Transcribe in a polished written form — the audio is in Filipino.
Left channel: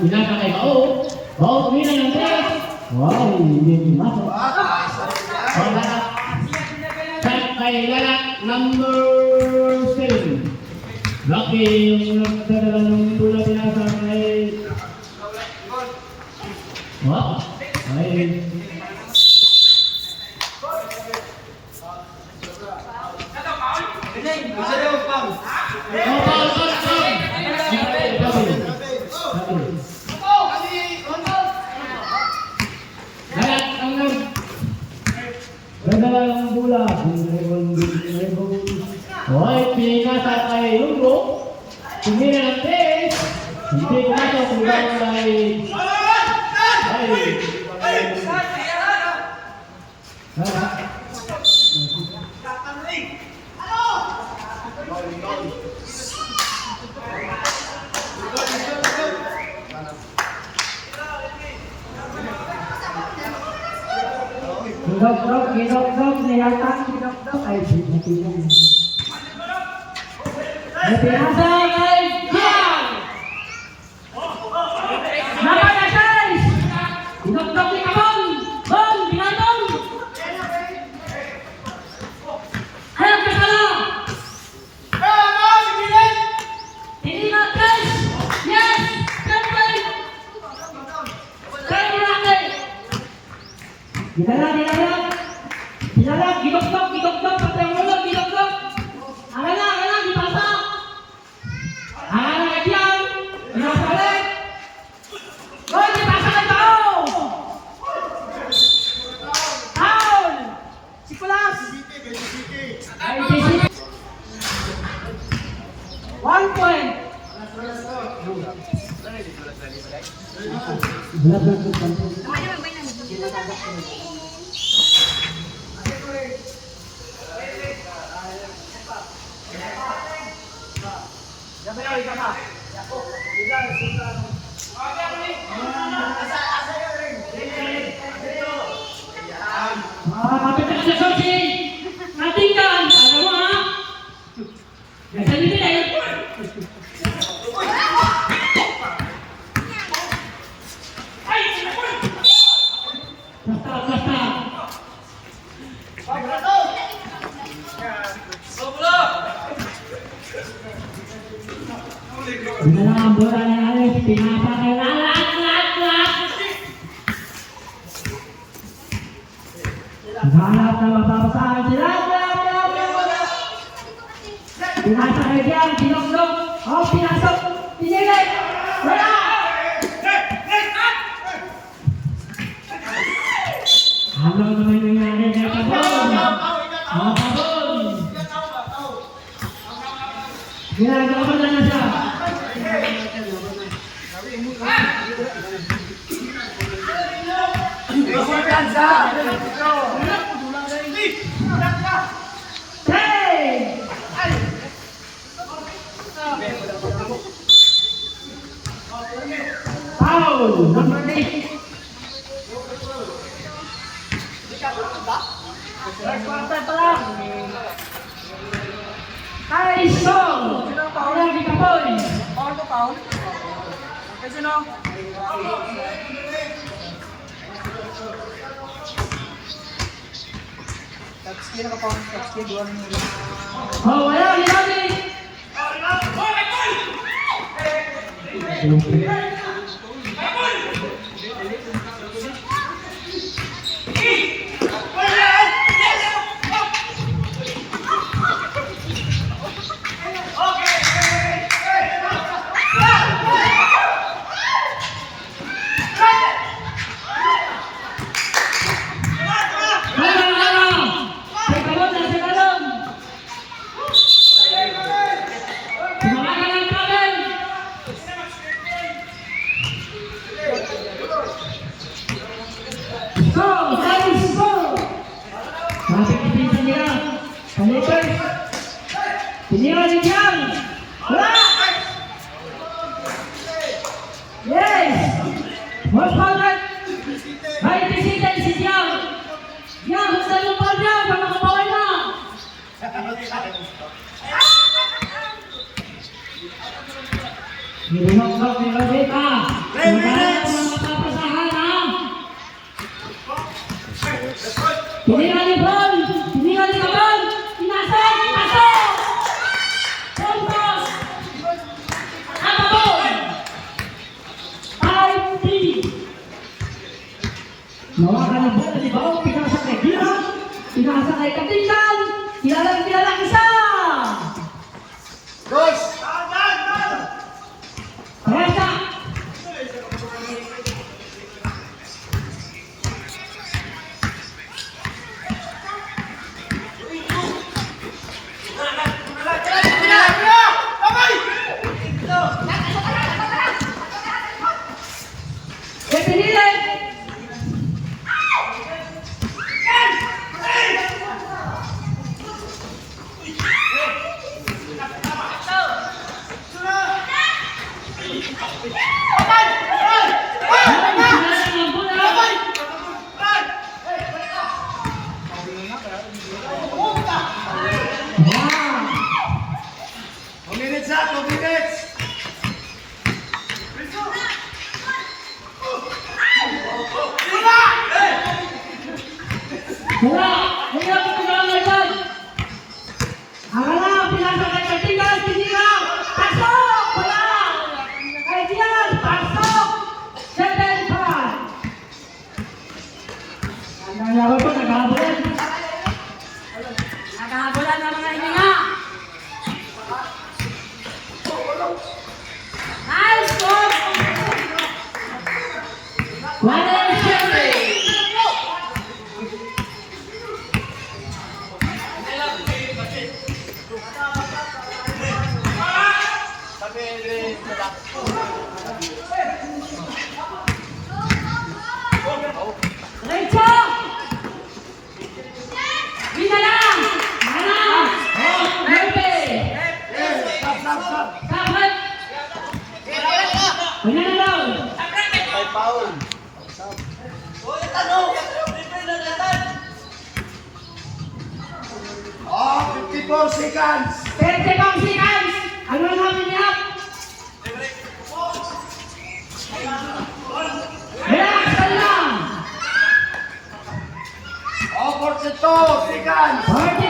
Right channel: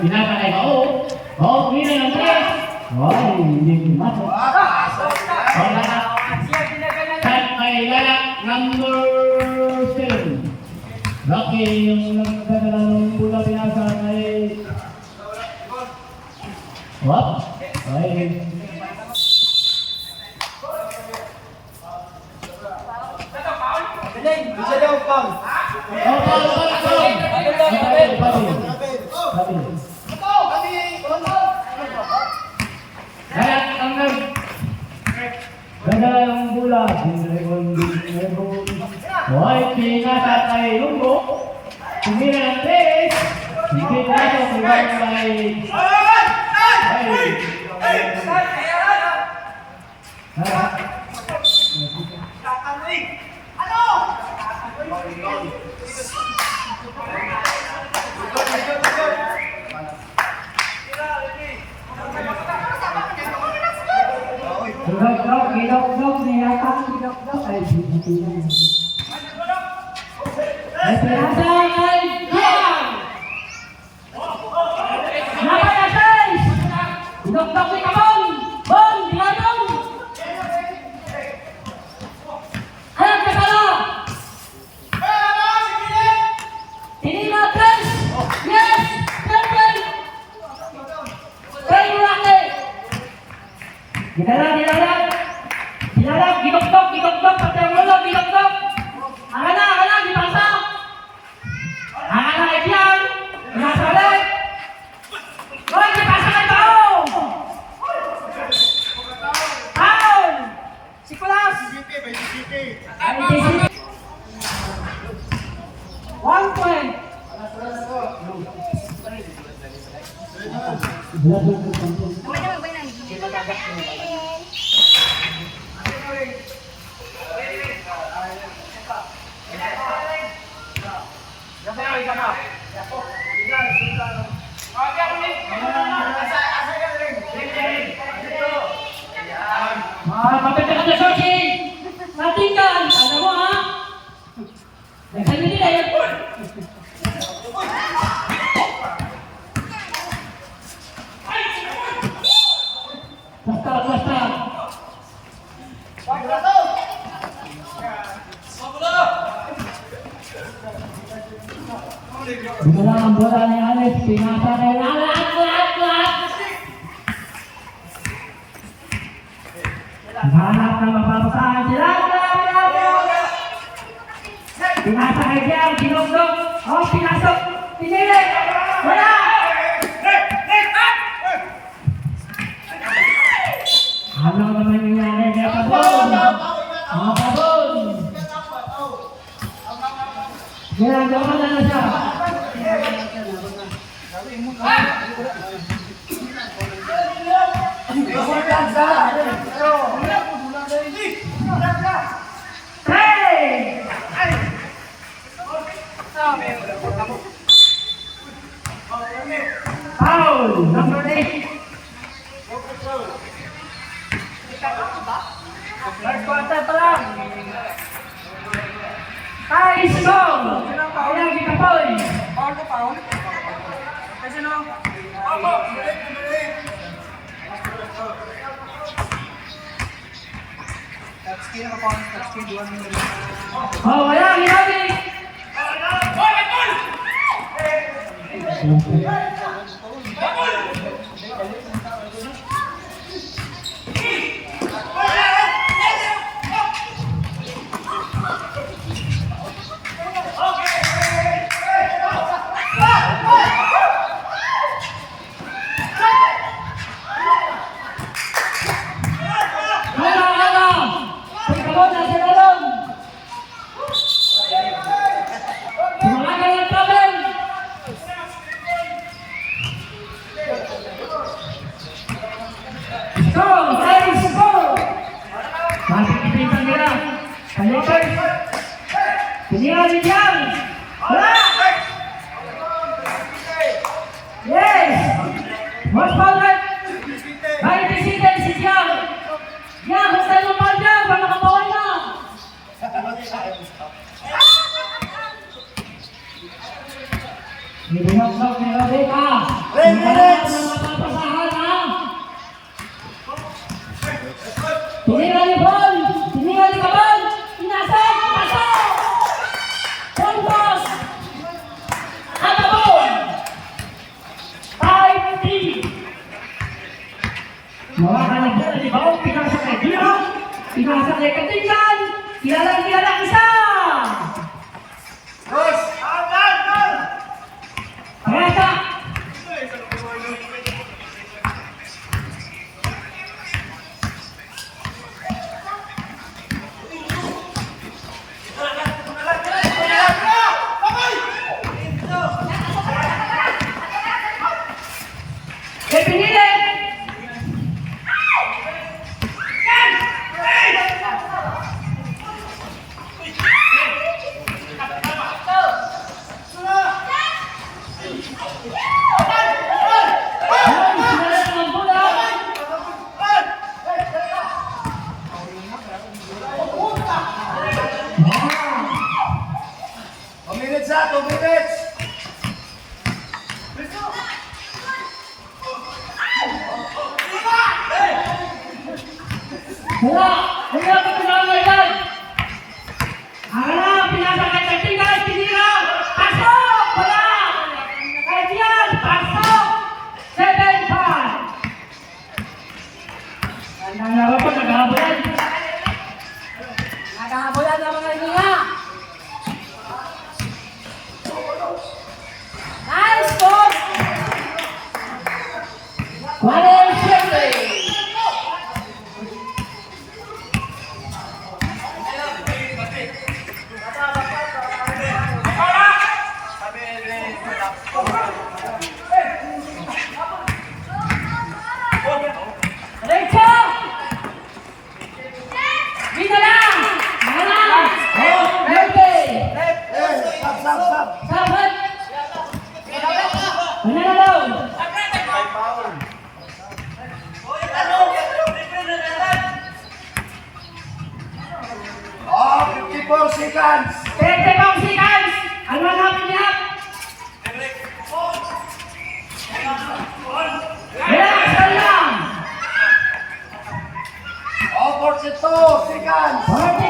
Pinatay ko. Kumina ng tres. Hindi pinasok. Cut by Lalak, number 7. Lucky yung nagdadala ng pula pinasa kay... Dadala ng bola, pinasa kay Lumbo. Kumina ng tres. Hindi pinasok, hanggang kay... Kinok-nok, nihatang kinok-nok. Ay, hindi na yan. Ay, pinasa kay Diang! Naman na guys! Kinok-nok ni Kabong! Bong! Binabong! Hayop ka pala! Tinima press! Yes! Temple! Kaya mo lang eh! Ginala, gidok-dok, pati ang ulo, gidok-dok! Angala, gipasa! Angala, Edian! Nasalit! Hoy, gipasa kay Bao! Paul! Sikulas! 1 point! Mapit ka sa Sochi! Natingkan! Ano mo ha? Nasa nyo din eh! Basta! Dinala ang bola ni Alex, pinasa kay Lalak! Hanap na mapapasahan si Lalak! Pinasa kay Diang, sinok-nok! Pinasok! Pinili! Wala! Ano naman nangyari kay Kabong? Kabong! Ginagawa na siya! Foul, number 8. First quarter pa lang. Guys, go! Kaya gikapoy. Paul to Paul. Kasi no? Touch skin ako Paul. Touch skin. Duwan mo nila. Oh, wala, hilagi. Tingnan dyan! Wala! Yes! Most power! Ay, tisita si Diyan! Yan, kung sa'yo mo pa dyan, para makapaway na! Nilunok-nok ni Rodeka! Mapapasahan ha! Tingnan ni Bon! Tingnan ni Kabal! Inasal! Inasal! Puntos! Nakabon! 5-3! Mawakan ang bola ni Baong, pinasa kay Dira, pinasa kay Katingan, kilalang isa! Dos! Rasa! Depinilin! Minutes na, 2 minutes! Wala! Wala ka pinangalayan! Hala! Pinasa kay Katingan! Tinira! Pasok! Wala! Kay Diyan! Pasok! 7-5! Ang laro ko, naghahabulan! Naghahabulan naman na hininga! Nice score! Wala yung siyempre! Derecha! Bisa lang! Malang! Lebe! Sabat! Manalo! Oh, 54 seconds! 30 seconds! Ano ang hapinap? Relax ka lang! Oh, 42 seconds! 40